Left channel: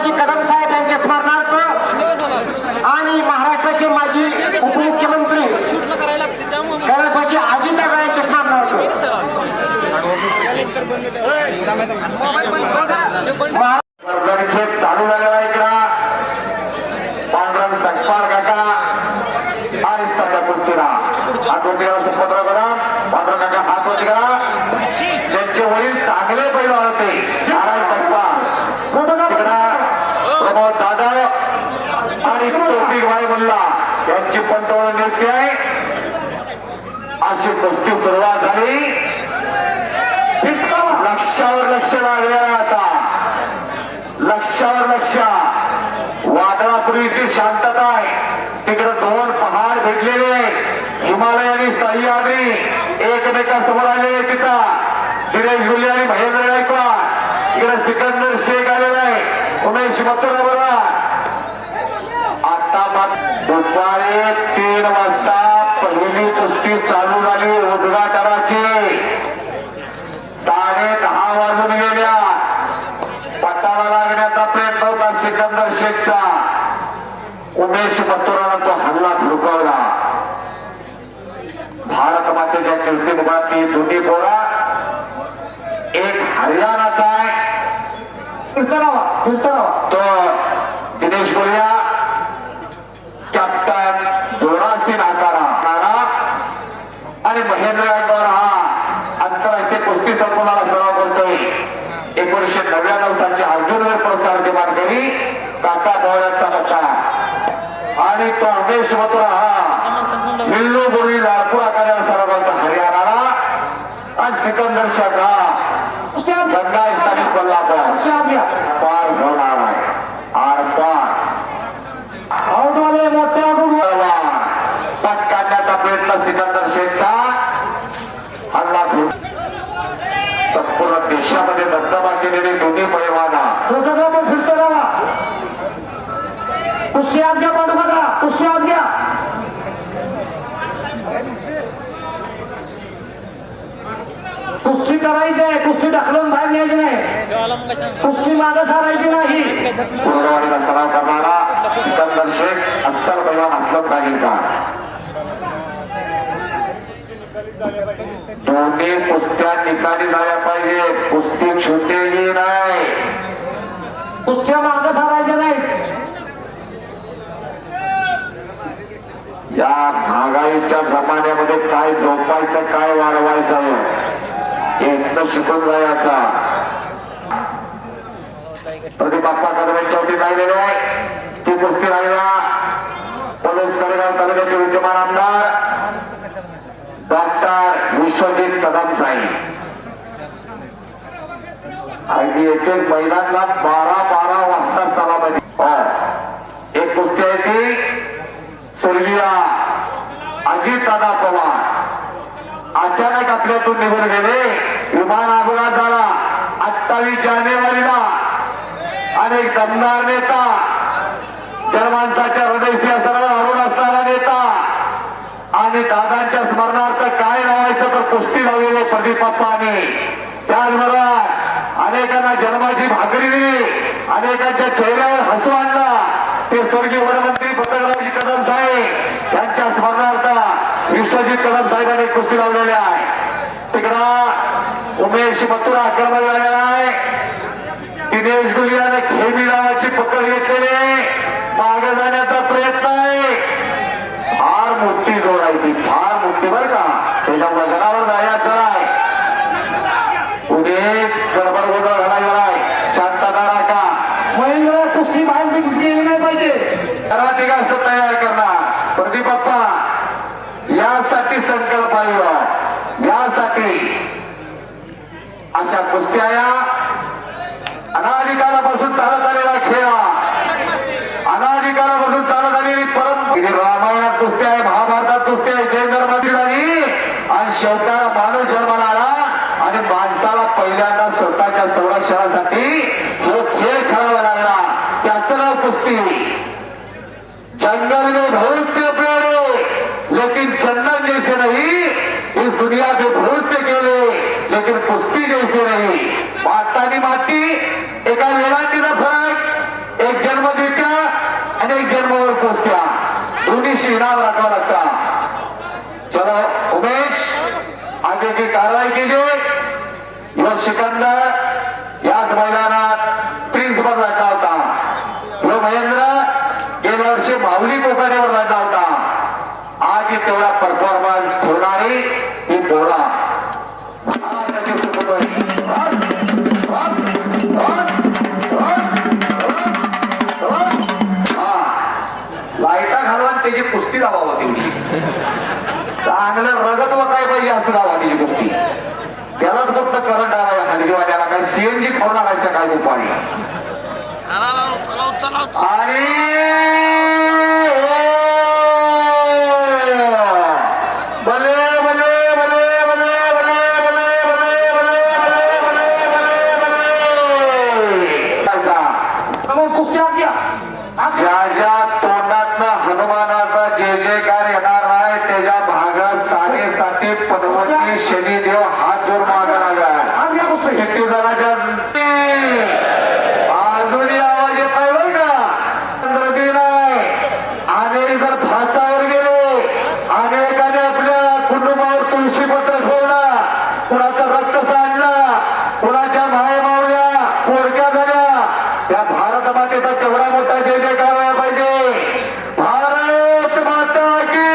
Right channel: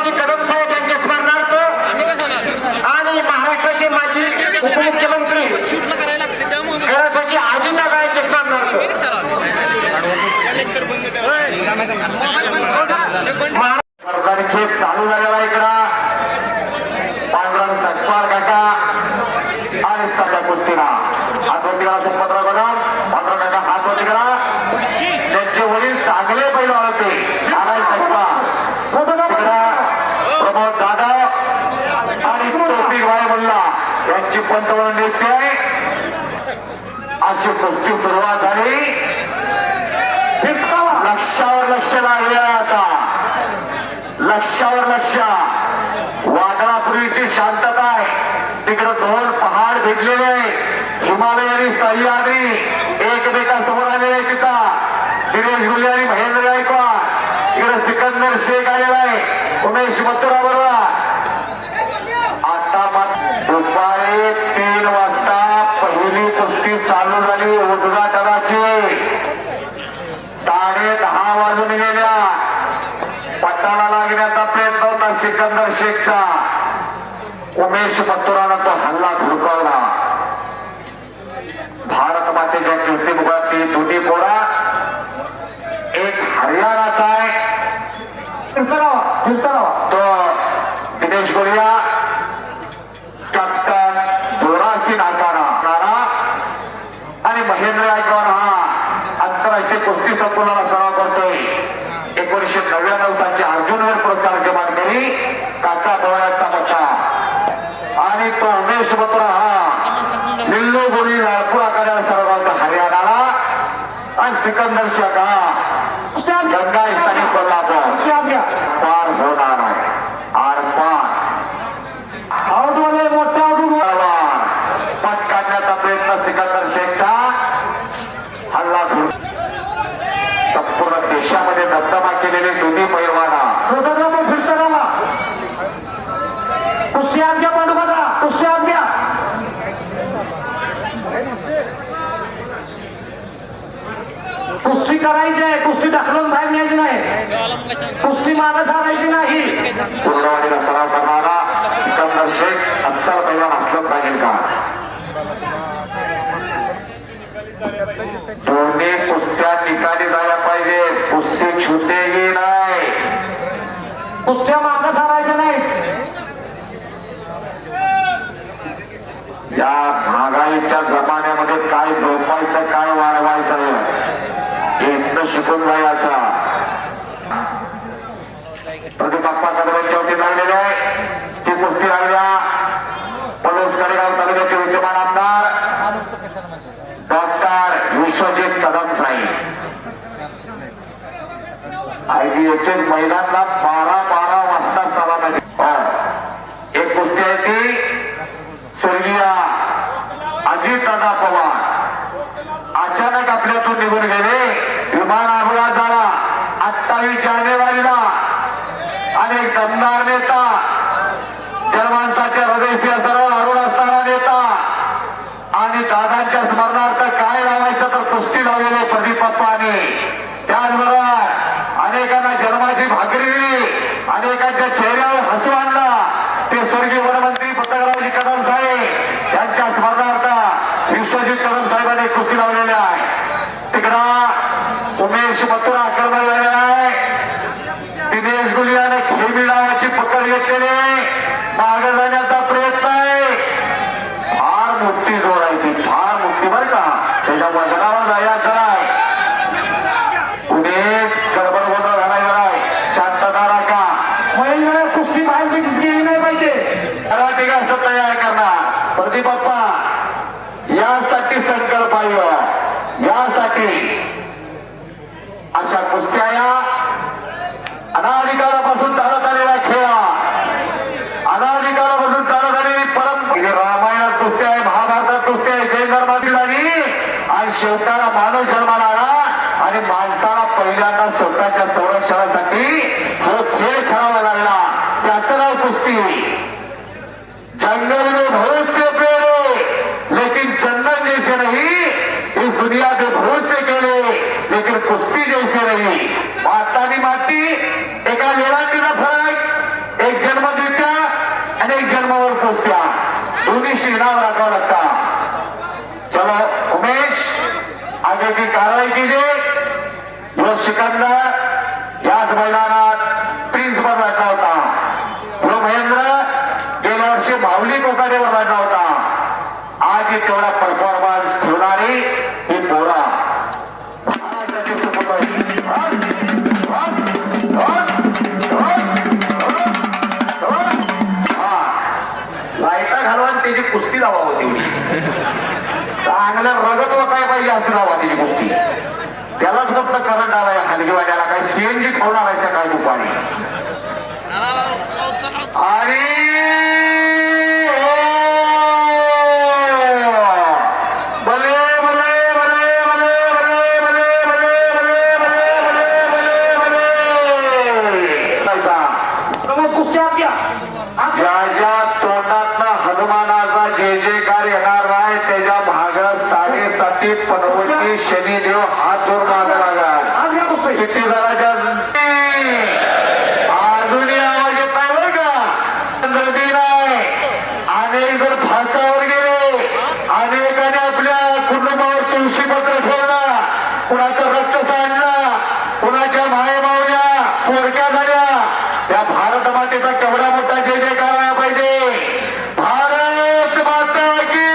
पंतप्रधानजी कदम साहेब यांच्या स्मरणार्थ आणि महाराष्ट्राचे माजी उपमुख्यमंत्री कैलासवासी अजितदादा यांच्या स्मरणार्थ चालू झालेला इकडा पांढरंग सत्पाल काका आणि सगळ्या कुस्तीला हातोटीराचं पत्र करा पांढरंग काका हातोटी करा. त्यांचे वडील चांगले पैलू होते नारायण प्रभाव जाधव आणि तोफिक भाई मुल्ला यांची पंतप्रधान नियुक्ती आहे. अशी कुस्ती सुरुवात झाली. लक्षावर लक्ष लागलेला आता लक्षावर लक्ष. वादळापूर्वीची शांतता आहे. तिकडे दोन पहाड भेटलेले हिमालय आणि सह्याद्री एकमेकांसमोर आलेले. तिथं दिनेश गुले आणि महेंद्र गायकवाड. इकडे सिकंदर शेख आलेला आहे. उमेश मथुरा बरोबर. आता दुपारी 3 वाजता पहिली कुस्ती चालू झाली उद्घाटनाची. 10:30 वाजून गेल्या. पट्टाला लागण्याचा प्रयत्न होता सिकंदर शेखचा. उमेश मथुराला तो हल्ला धुडकावला. भारत मातेच्या कीर्तिमुखातली दुधी पोरा एक हरियाणाचा आहे तो दिनेश गोलिया कॅप्टन जोरासिंग आकारा आणि महेंद्र गायकवाड हा आंतरराष्ट्रीय कुस्ती संकुलाला सराव करतोय. 1999 सालची अर्जुनवीर पुरस्काराची मानकरी काका बोळ्यांचा मोठा आणि तो उमेश मथुरा हा निल्लू बोरी लालपूर आकाराला सराव करतो हरियाणाला. आणि सिकंदर शेख हा गंगा स्थानिक कोल्हापूर पार होणार आहे. आरपार पट काढण्याचा प्रयत्न सिकंदर शेखचा. हल्ला संपूर्ण देशामध्ये दबदबा केलेले दुधी पैलवाना कुस्ती आत घ्या. पांडुपत्रा कुस्ती आत घ्या. कुस्ती करायची आहे. कुस्ती ढकलून बाहेर न्यायची नाही. कुस्ती मागे सारायची नाही. पूर्णवाणीला सराव करणारा सिकंदर शेख अस्सल पैलवान असलं पाहिजे का. दोन्ही कुस्त्या निकाली झाल्या पाहिजे. कुस्ती छुटेही नाही. कुस्त्या मागे सारायच्या नाहीत. या महागाईच्या जमान्यामध्ये काय झोपायचं काय वाढवायचं हे शिकून जायचा. प्रदीप बाप्पा कदम चौथी लागलेली आहे. ती कुस्ती लागल्या पलूस कडेगाव तालुक्याचे विद्यमान आमदार डॉक्टर विश्वजित कदम साहेब. एक मैदानला 12 वाजता सलामी. एक कुस्ती आहे ती स्वर्गीय अजितदादा पवार अचानक आपल्यातून निघून गेले. विमान अपघात झाला 28 जानेवारीला. अनेक दमदार नेता जनमानसाच्या हृदयशी असर लागून असणारा नेता आणि दादांच्या स्मरणार्थ काय लावायचं तर कुस्ती लावलेले प्रदीप बाप्पाने. त्याचबरोबर अनेकांना जन्माची भाकरी दिली. अनेकांच्या चेहऱ्यावर हसू आणला. ते स्वर्गीय वनमंत्री पंतप्रधानजी कदम साहेब यांच्या स्मरणार्थ विश्वजित कदम साहेबांनी कुस्ती लावलेली आहे. तिकडं उमेश मथुरा आक्रमण झालेला आहे. दिनेश गुलियाने खेळी नावाची पकड घेतलेली आहे. मागे जाण्याचा प्रयत्न आहे. फार मोठी जोड आहे ती. फार मोठी बरं का. त्याच्या मजरावर जायचं नाही. उद्या गडबड गोंधळ झाला आहे. शांतता राखा. कुस्ती बाहेर गेली नाही पाहिजे. मराठी असं तयार करणार प्रदीप बाप्पा यासाठी संकल्प आहे. यासाठी अशा कुस्त्या अनाधिकारापासून चालत आलेला खेळ. अनाधिकारापासून चालत आलेली रामायणात कुस्ती आहे. महाभारतात कुस्ती आहे. जैन धर्माची झाली आणि शेवटाला मानव जन्माला आला आणि माणसाला पहिल्यांदा स्वतःच्या संरक्षणासाठी जो खेळ खेळावा लागला त्याचं नाव कुस्ती. जंगल में बहुत से पेड़ लेकिन चंदन जैसे नहीं. इस दुनिया के बहुत से खेळ लेकिन कुस्ती जैसे नहीं. माता आणि माती एका वेळातीचा फरक इनाम रखावा लगता। चलो उमेश, आगे की कार्रवाई कीजिए। यो सिकंदर याच मैदानात प्रिन्सवर लागला होता। यो महेंद्र गेल्या वर्षी माऊली कोकाडेवर लागला होता। आज तेवढा परफॉर्मन्स ठेवणारी ही पोरा लाईटा घालून त्याची कुस्ती दावा होती। चांगलं रगत व काय पाहिजे असं दावा त्याची कुस्ती। त्यालाच फक्त करंट आलाय खाली वाट्याला काय सीएनजी खावणार आहे काय दुपारी। आणि भले भले भले भले भले भले भले भले भले कुस्त्या घ्या। ज्या तोंडातनं हनुमानाचा जय जयकार येणार आहे त्याच्या भाग 7.5 पनवती शनिदेव हात जोर मागा लागला। किती जणांच्या अजूनही आवाज येत नाही बरं का। नदी नाही अनेक जर फासावर गेले, अनेकाने आपल्या कुटुंबावर तुळशीपत्र ठेवला, कुणाचं रक्त सांडलं, कुणाच्या मायमावल्या पोरक्या झाल्या। त्या भारत मातेचा केवढा मोठा जय जयकार व्हायला पाहिजे। भारत माता की,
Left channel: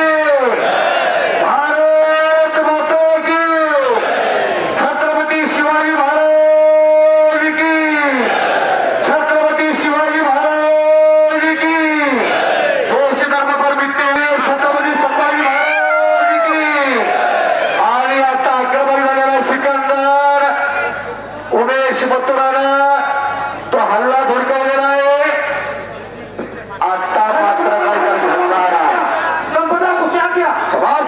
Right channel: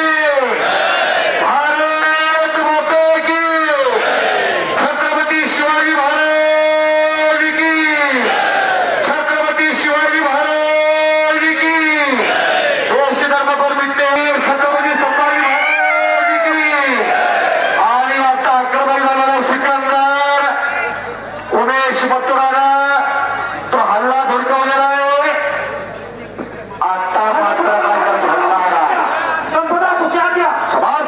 भारत माता की, छत्रपती शिवाजी महाराज की, छत्रपती शिवाजी महाराज की, देश धर्मपर विद्येवीर छत्रपती संभाजी महाराज की। आणि आता अकराबाई झालेला सिकंदर उमेश मथुराला तो हल्ला धुडकावलेला आहे। आता मात्र काय झाला संपदा कुठे घ्या शबास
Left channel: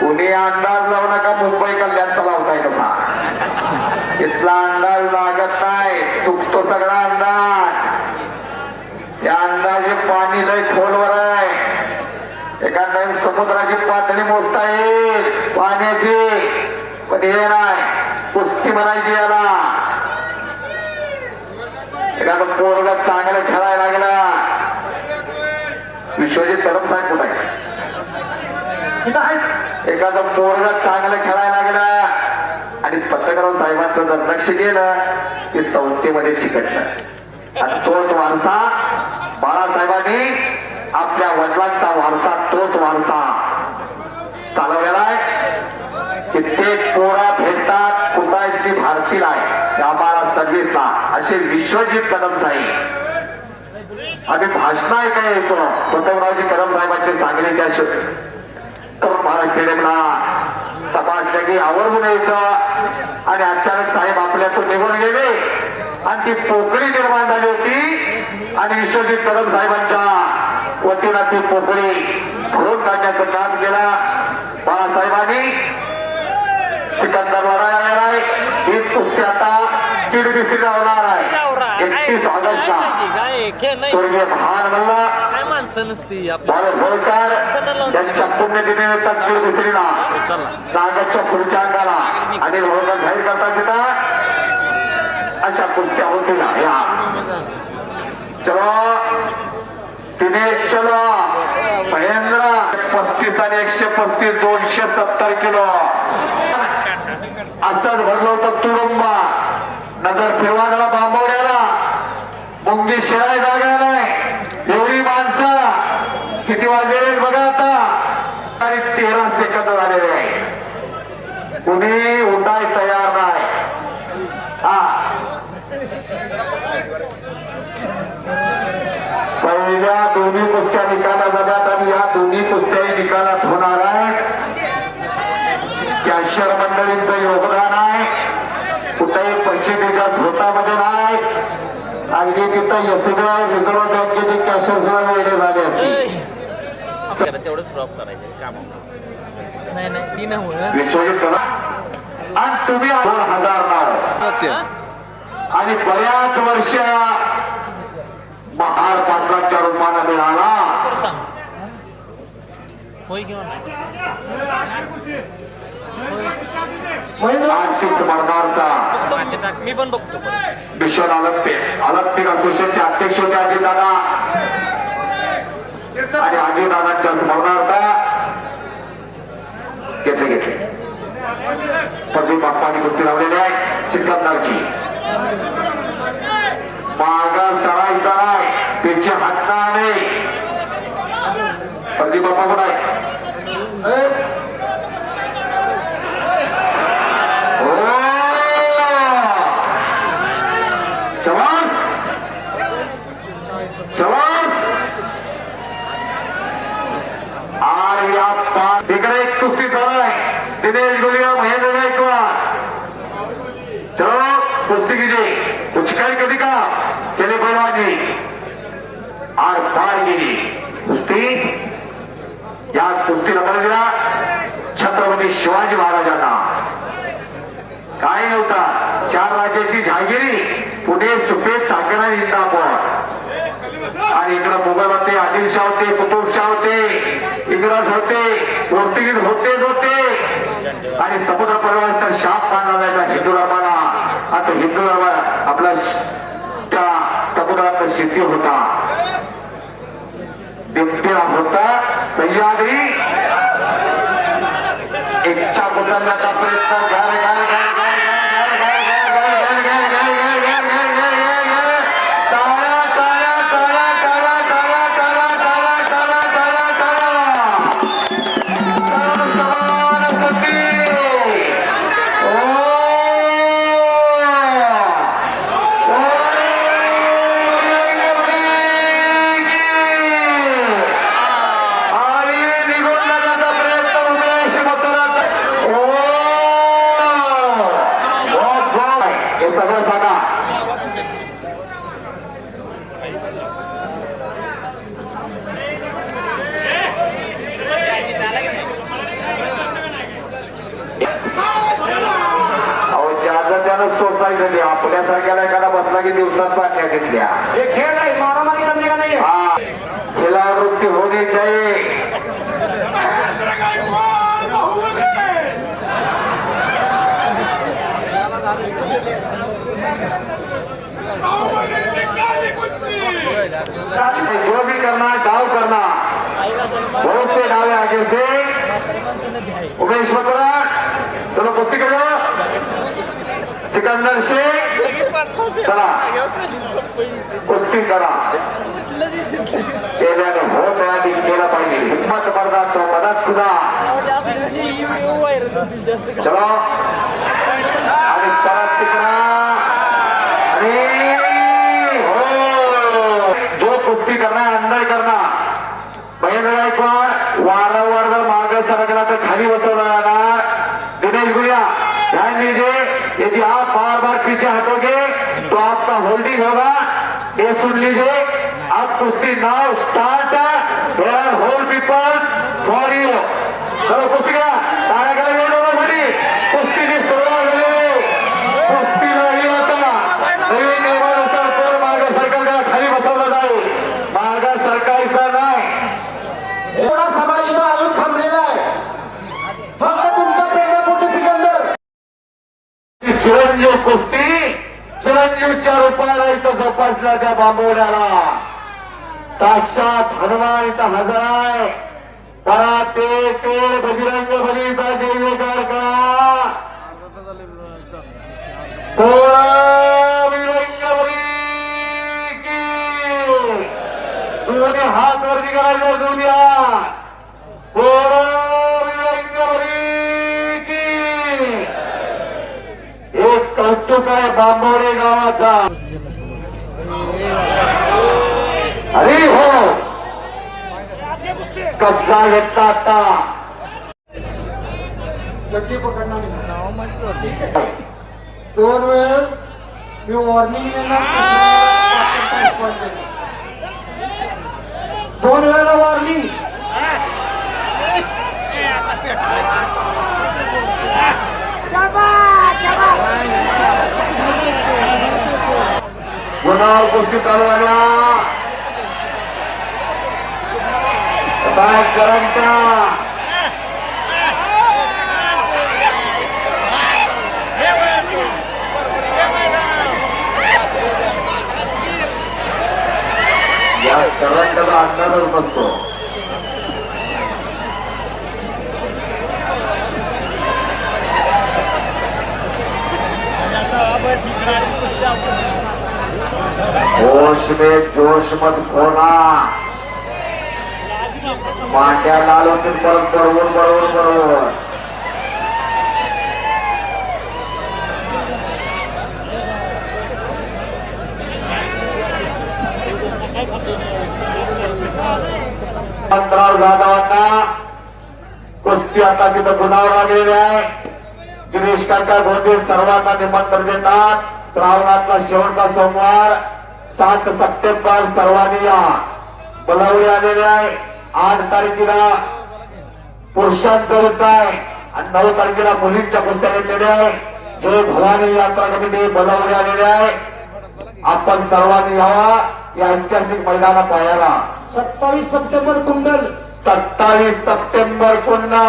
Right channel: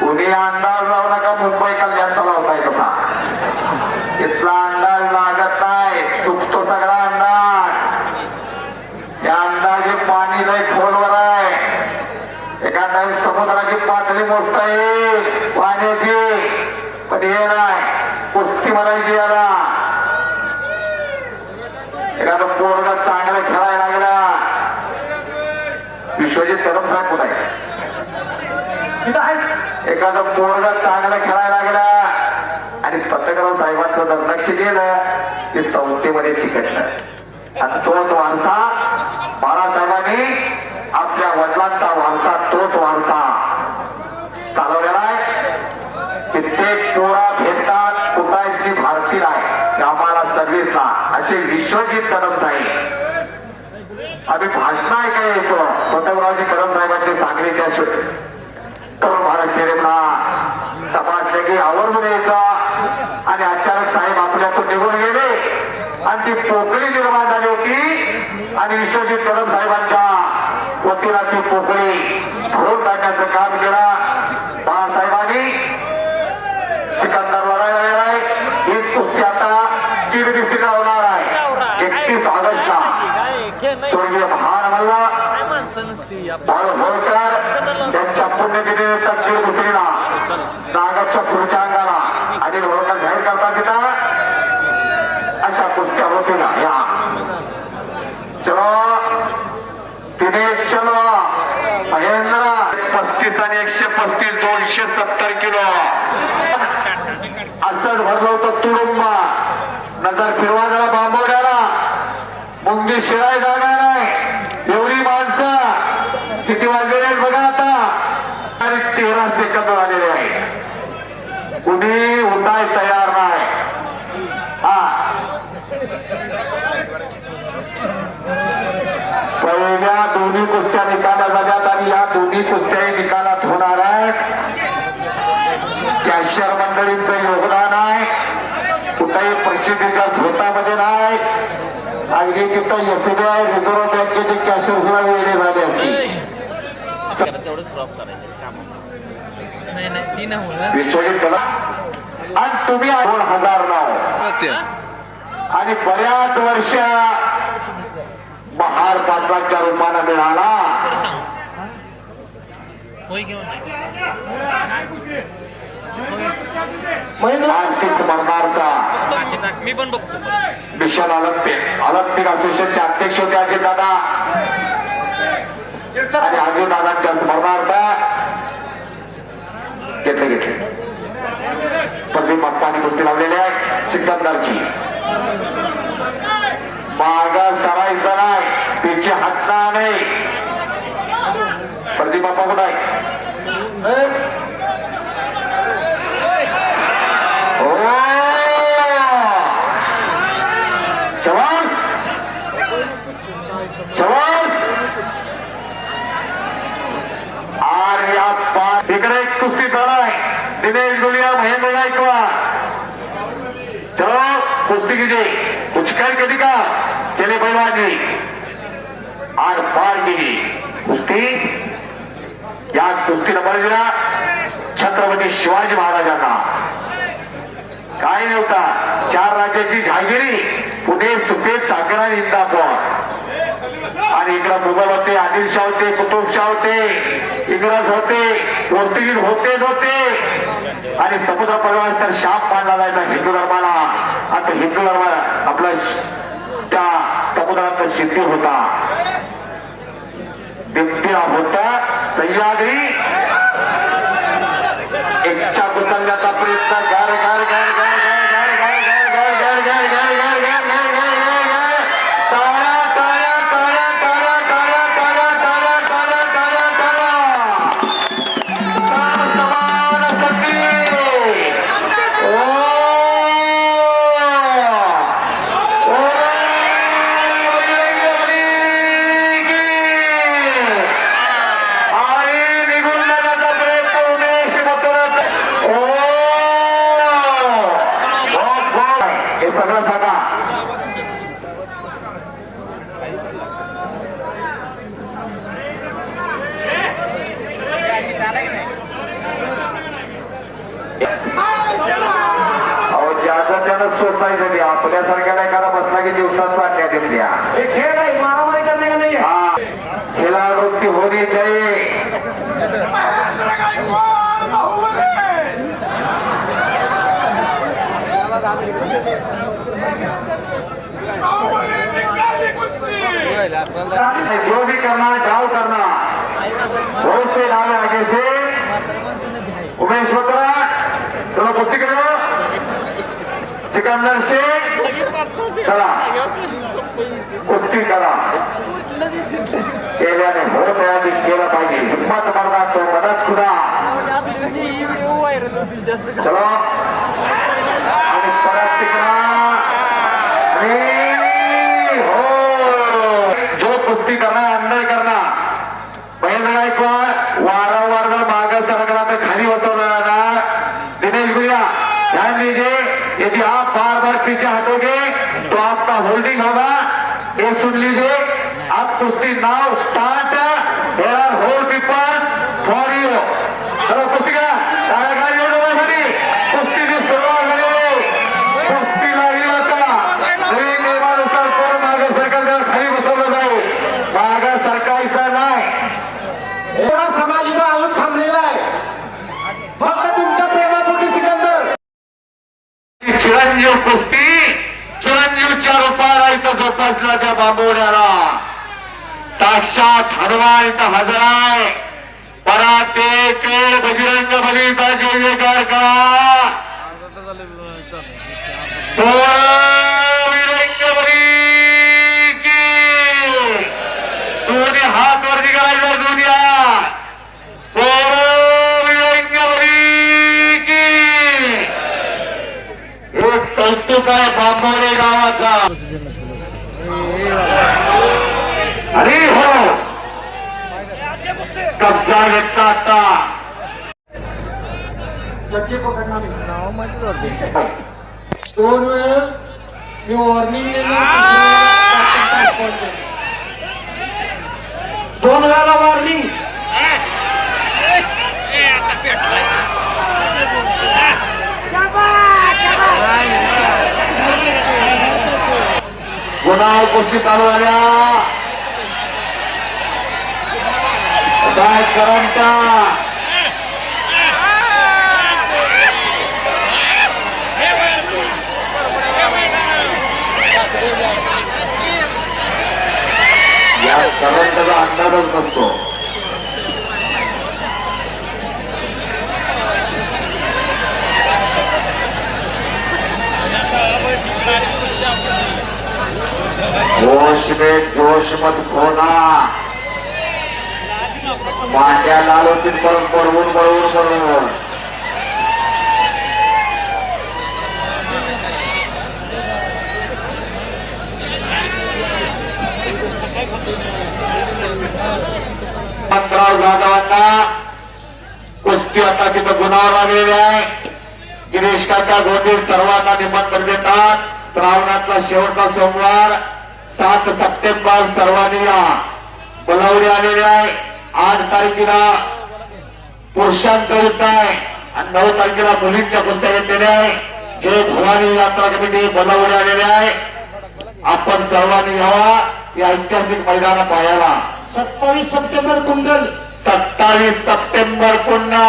पुणे अंदाज लावू नका, मुंबई कल्याणचा लावताय कसा। इथला अंदाज लागत नाही, चुकतो सगळा अंदाज। या अंदाजे पाणी लय खोलवर आहे। एखाद्या समुद्राची पातळी मोजता येईल पाण्याची, पण हे नाही कुस्ती म्हणायची याला। एखादं पोरग चांगलं खेळायला लागला, विश्वजित कदम साहेब कुठे आहे? एखादं पोरग चांगलं खेळायला लागला आणि पत्रकार साहेबांचं जर लक्ष गेलं की संस्थेमध्ये चिकटलं। आणि तोच वारसा बाळासाहेबांनी आपल्या वडिलांचा वारसा, तोच वारसा चालवलेला आहे। कित्येक पोरा भेटतात कुटायची भारतीय आहे आम्हाला सर्व्हिसला, असे विश्वजित कदम साहेब। आम्ही भाषण ऐकायला येतो पतंगरावजी कदम साहेबांचे सांगलीच्या तरुण भारत पेरेंना तपासले की आवर्जून येतो। आणि अचानक साहेब आपल्यातून निघून गेले आणि ती पोकळी निर्माण झाली होती आणि विश्वजित कदम साहेबांच्या वतीला ती पोकळी भरून टाकण्याचं काम केलं बाळासाहेबांनी। सिकंदर लढायला आहे, हीच कुस्ती आता किरगिस्तीला होणार आहे 31 ऑगस्टला। स्वर्गीय भान मल्ला होळकर त्यांच्या पुण्यतिथीनिमित्त किरगिस्तीला नागाच्या पुढच्या अंगाला आणि होळकर जाहीर करतात तिथं अशा कुस्त्या होतील। या चलो तिने चलो महेंद्र 35 आणि 135 270 किलो असंच भरलं होतं तुडुंबा। नगर फिरवायला बांबवल्याला मुंगी शिवाय जागा नाही, एवढी माणसं किती वाजलेले बघा आता। आणि 13 सेकंद आलेले आहे, कुणी उठाय तयार नाही। पहिल्या दोन्ही कुस्त्या निकाला झाल्यात आणि या दोन्ही कुस्त्याही निकालात होणार आहेत। कॅशियर मंडळींचं योगदान आहे, कुठेही प्रसिद्धीच्या झोतामध्ये नाही। अगदी तिथं एसबीआय रिझर्व्ह बँकेचे कॅशियर सुद्धा वेगळे झाले असतील। तेवढंच ड्रॉप करायचं काम विश्वजित कला आणि तुम्ही 2000 नाव आणि बऱ्याच वर्ष महार पदकाच्या रूपाने मिळाला। होय किंवा स्पर्धार्थ मी पण बघतो विश्वनाथ ऑलिम्पिक असोसिएशनचे अध्यक्ष होते अजित दादा आणि अजित दादांच्या स्मरणार्थ घेतले प्रदीप बाप्पांनी कुस्ती लावलेली आहे सिकंदरची मागा सरायचा नाही त्यांची हात नाही प्रदीप बाप्पा कुठं आहे चवास आणि आता तिकडे एक कुस्ती आहे दिनेश गुलिया महेंद्र गायकवाड चलो कुस्ती कीजिए कुछ कल कभी का चले पहलवान जी और पार की कुस्ती याच कुस्ती रमायला छत्रपती शिवाजी महाराजांना काय नव्हता 4 राज्याची जहागिरी पुणे सुपेत चाकणा इंदापूर आणि इकडं मुघल होते आदिलशाह होते कुतुबशाह होते इंग्रज होते पोर्तुगीज होते आणि समुद्र परिवार तर शाप मानला जायचा हिंदू धर्माला आता हिंदू धर्म आपला त्या समुद्रात सिद्धी होता बिबट्या होता सह्याद्री इच्छा उचलण्याचा प्रयत्न सगळं सांगा त्यानं सोसायटी झाली आपल्यासारख्याला एखादा बसला की दिवसात अन्याय दिसल्या खेळ नाही मारामारी करणे का नाही हा खेळावृत्ती होणी चाहिए जो भी करना डाव करना बहुत से डावे आगे से उमेश होता चलो कुस्ती करो सिकंदर शेख चला कुस्ती करा केल्यानं होत आधी केला पाहिजे हिम्मत मरदा तो मदत खुदा चलो आणि परत करा जो कुस्ती करना अंदर करना महेंद्र गायकवाड वारंवार जर मागे सरकला तर खाली बसवला जाणार दिनेश गुलिया ध्यान दीजिए यदि आप बार बार पीछे हटोगे तो आपका होल्डिंग होगा ये सुन लीजिए आप कुश्ती now start there are whole peoples for you चलो कुस्ती का कुस्तीची सुरुवात झाली कुस्ती नाही आता नवीन नियमानुसार कोण मागे सरकारला खाली बसवलं जाईल मागे सरकारचा नाही समाज अजून थांबलेला आहे फक्त तुमच्या प्रेमापोटी सिकंदर चिरंजीव कुस्ती चिरंजीवच्या रूपाला इथं जोपासला त्या बांबवण्याला साक्षात हनुमान इथं हजर आहे पराते केळ बजरंग बलीचा जय जयकार करा विरंग बली की दोन्ही हात वरती करायचं दुनिया विरंग बली की एक कौतुक आहे बांबवणे गावाचा अरे हो कब्जा घेतला आता दोन वेळ मी वॉर्निंग देणार दोन वेळा वॉर्निंग गुन्हा कुस्ती चालू आल्या करंटा सगळ्यांचा अंदाजच नसतो. जोश में जोश मत खोना. वाट्याला आलो की परत बरोबर. जाधवांना कुस्ती आता तिथं गुणावर आलेली आहे. गिरीश काका गोंदील सर्वांना निमंत्रण देतात. श्रावणातला शेवटचा सोमवार 7 सप्टेंबर सर्वांनी या बोलावले आलेले आहे. 8 तारखेला पुरुषांचं युद्ध आहे आणि 9 तारखेला मुलींच्या कुस्त्या घेतलेल्या आहे. जय भवानी यात्रा कमिटी बोलावले आलेले आहे. आपण सर्वांनी यावा या ऐतिहासिक मैदाना पाहायला. 27 सप्टेंबर कुंडल. 27 सप्टेंबर पुन्हा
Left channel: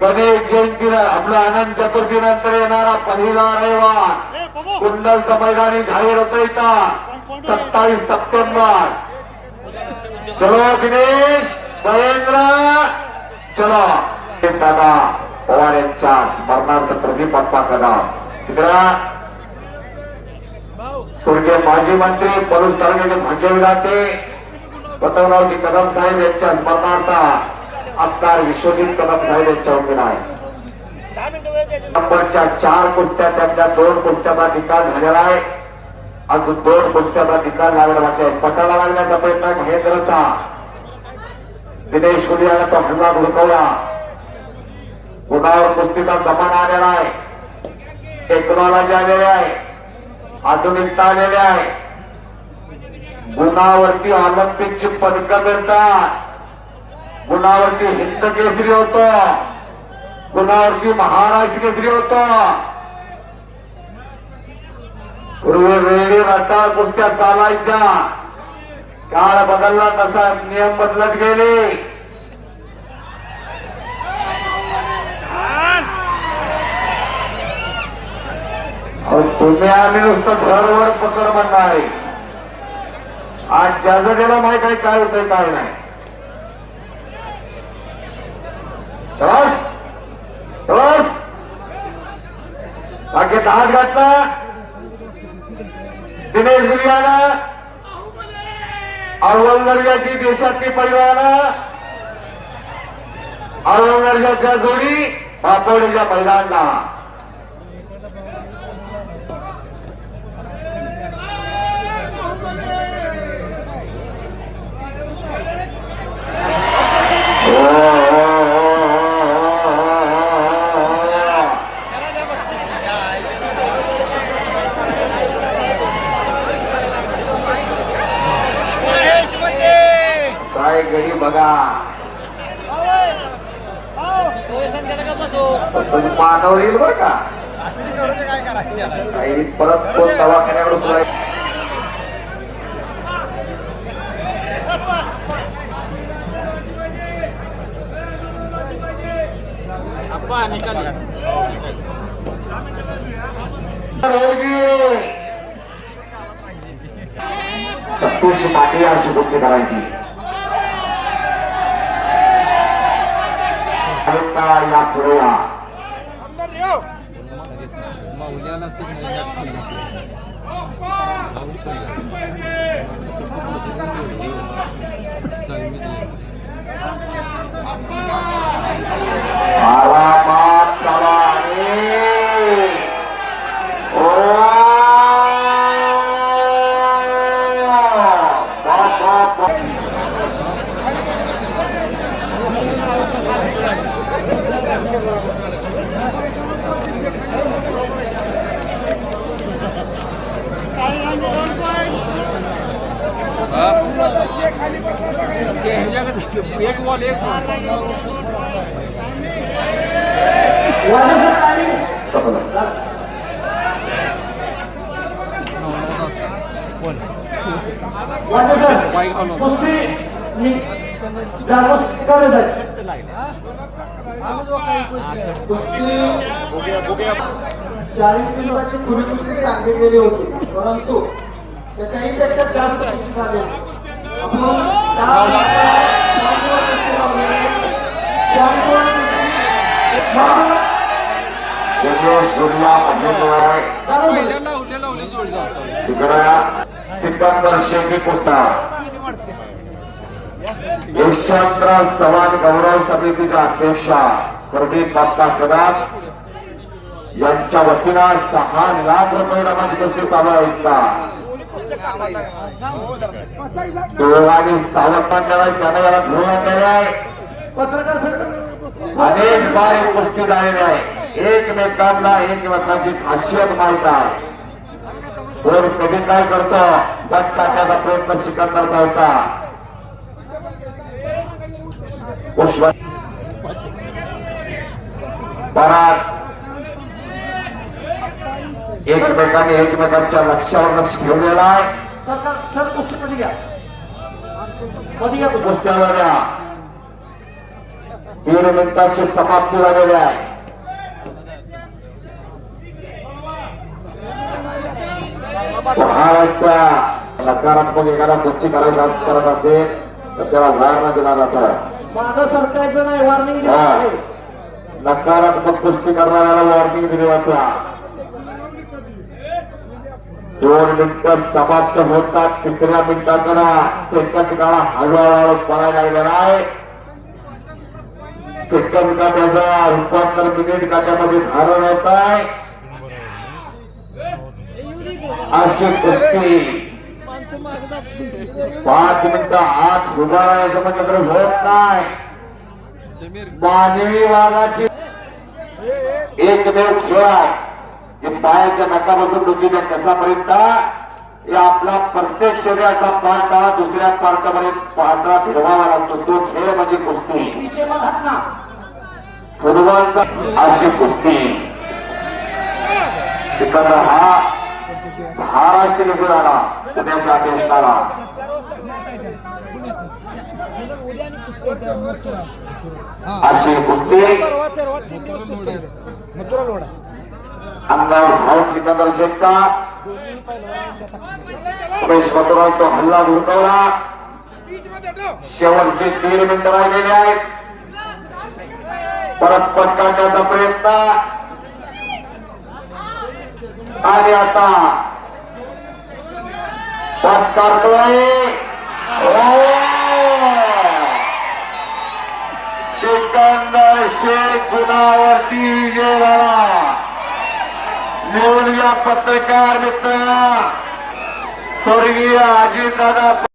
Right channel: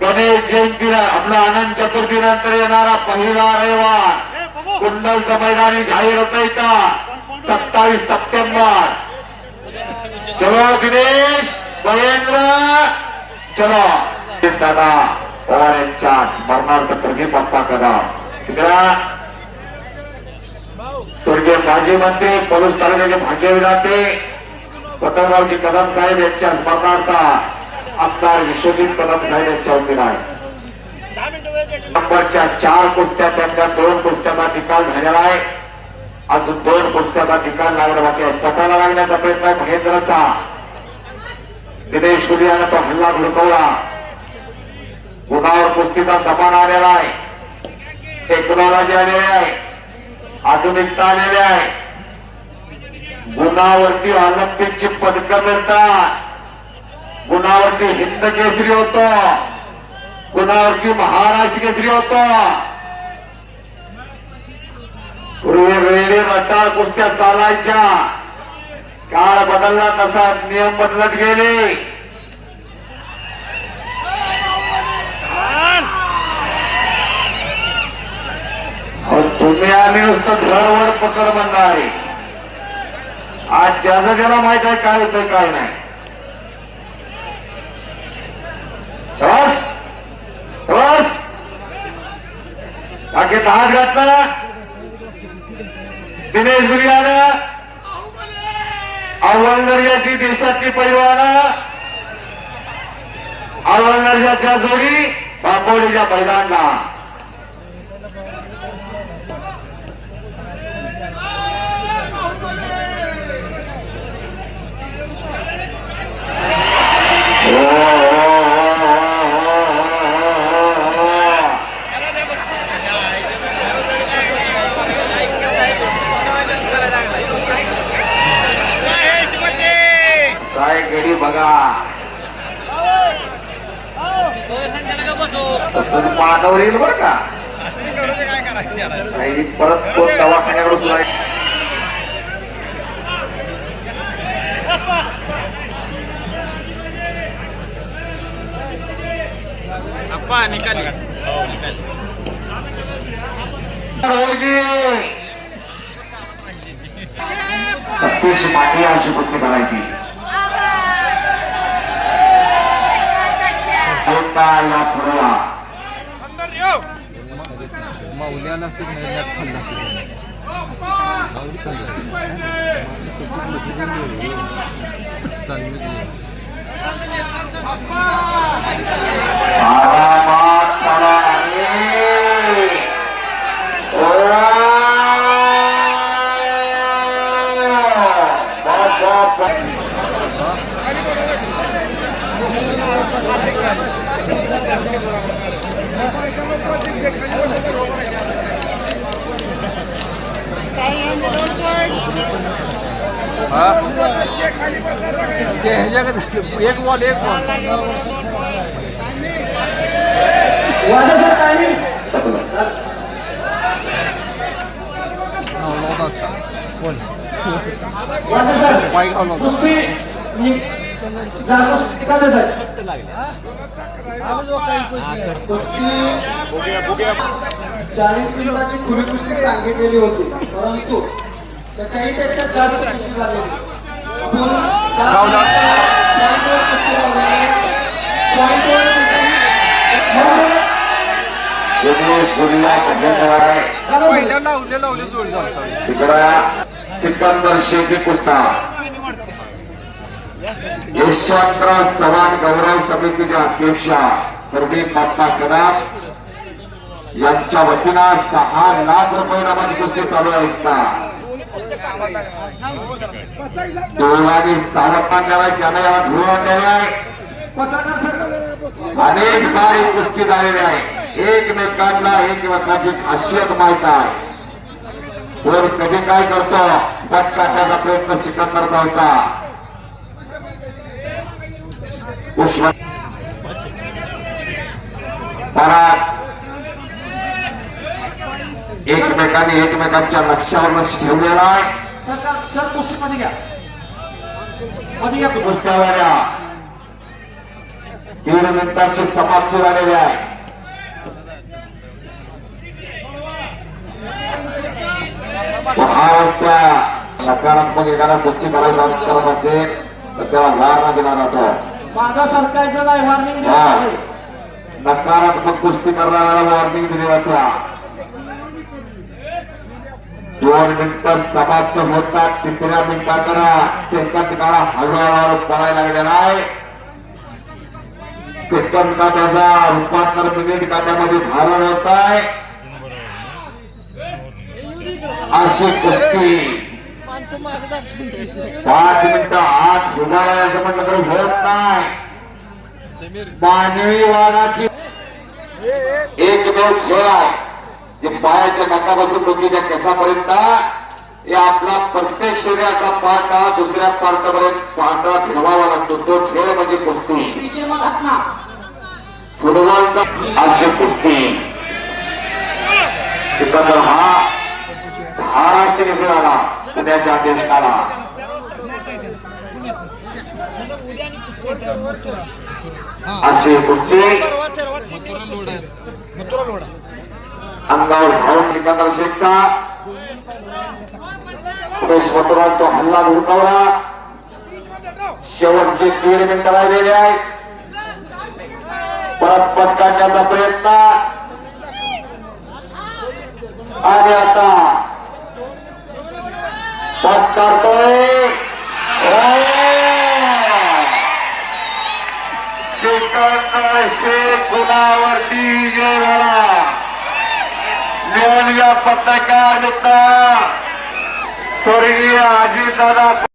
गणेश जयंतीला आपला आनंद चतुर्थीनंतर येणारा पहिला रविवार कुंडलचं मैदानी जाहीर होतं इथं 27 सप्टेंबर. चलो गिरीश महेंद्र चलो. दादा पवार यांच्या स्मरणार्थ प्रदीप बाप्पा कदम तिकडा स्वर्गीय माजी मंत्री पलूस तालुक्याचे भाग्यविधाते पतंगरावजी कदम साहेब यांच्या स्मरणार्थ आमदार विश्वजित कदम साहेब यांच्या वतीने आहे. नंबरच्या 4 कुस्त्या त्यांच्या 2 कुस्त्यांचा निकाल झालेला आहे. अजून 2 कुस्त्यांचा निकाल लागला बाकी आहे. पटाला लागण्याचा प्रयत्न आहे महेंद्रचा. दिनेश गुडियानं तो हल्ला धुडकवला. गुणावर कुस्तीचा जमाना आलेला आहे. टेक्नॉलॉजी आलेली आहे. आधुनिकता आलेली आहे. गुणावरती ऑलिम्पिकची पदकं मिळतात. गुणावरती हिंद केसरी होतो. गुणावरती महाराष्ट्र केसरी होतो. पूर्वी वेळी रटाळ कुस्त्या चालायच्या. काळ बदलला तसा नियम बदलत गेले. तुम्ही आम्ही नुसतं घरवर पकड म्हणणार आहे. आज ज्याचं ज्याला माहित आहे काय होतंय काय नाही. बाकी हात घातला दिनेश गुडियानं. अव्वल दर्जाची देशातली पैलवानं अव्वल दर्जाच्या जोडी बापोलीच्या मैदानला. गेली बघा मानवर येईल बरं का. परत कोण दवाखान्याकडे सतीश माटे अशी गोष्टी करायची. या पुढला आरामात चला. एक बॉल चाळीस मिनिटाची पूर्वी सांगितलेली होती, परंतु त्याच्याही पेक्षा जास्त झालेली. दिनेश गुडिया पंढरपूर आहे तिकडं सिकंदर शेती कुस्ता यशवंतराव चव्हाण गौरव समितीच्या अध्यक्षा प्रदीप बाप्पा कदम यांच्या वतीनं 6 लाख रुपये नामाची कुस्ती चालू आहे इतका दोघांनी सावध आणलेला आहे त्याने याला धुळून आणलेले आहे अनेक बार ही कुस्ती झालेली आहे एकमेकांना एकमेकांची खासियत माहित आहे कोण कधी काय करतो बट टाकण्याचा प्रयत्न सिकंदरचा होता पराग एकमेकांनी एकमेकांच्या लक्षावर लक्ष ठेवलेलं आहे सर कुस्तीमध्ये घ्या मध्ये घ्या कुस्त्यावाल्या 3 मिनिटांची समाप्ती झालेली आहे त्या नकारात्मक एखादा कुस्ती करायला करत असेल तर त्याला वार दिला जातो मागं सरकायचं नाही वॉर्निंग नकारात्मक कुस्ती करणाऱ्याला वॉर्निंग दिली जाते 2 मिनिटं समाप्त होतात 3ऱ्या मिनिटाकडे सेकंद काळा हळूहळू पळायला लागलेला आहे सेकंद काट्याचा रूपांतर मिनिट काट्यामध्ये धारण होत आहे अशी कुस्ती 5 मिनिटं आत उभा राहायचं म्हटलं तरी होत नाही मानवी वाघाची एकमेव खेळ आहे जे पायाच्या नकापासून डोकीच्या केसापर्यंत हे आपला प्रत्येक शरीराचा पार्टा दुसऱ्या पार्टापर्यंत पार्टा फिरवावा लागतो तो खेळ म्हणजे कुस्ती फुटबॉलचा अशी कुस्ती सिकंदर हा महाराष्ट्र घेऊन आला पुण्याच्या देशाला अशी कुस्ती अंगावर धावून सिकंदर शेखचा मथुराव तो हल्ला धुडकावला शेवटचे 3 मिनिटं राहिलेले आहेत परत पटकावण्याचा प्रयत्न आणि आता त्यात करतोय सिकंदर शेख गुणावरती विजय झाला निवडल्या पत्रकार मित्र स्वर्गीय अजितदादा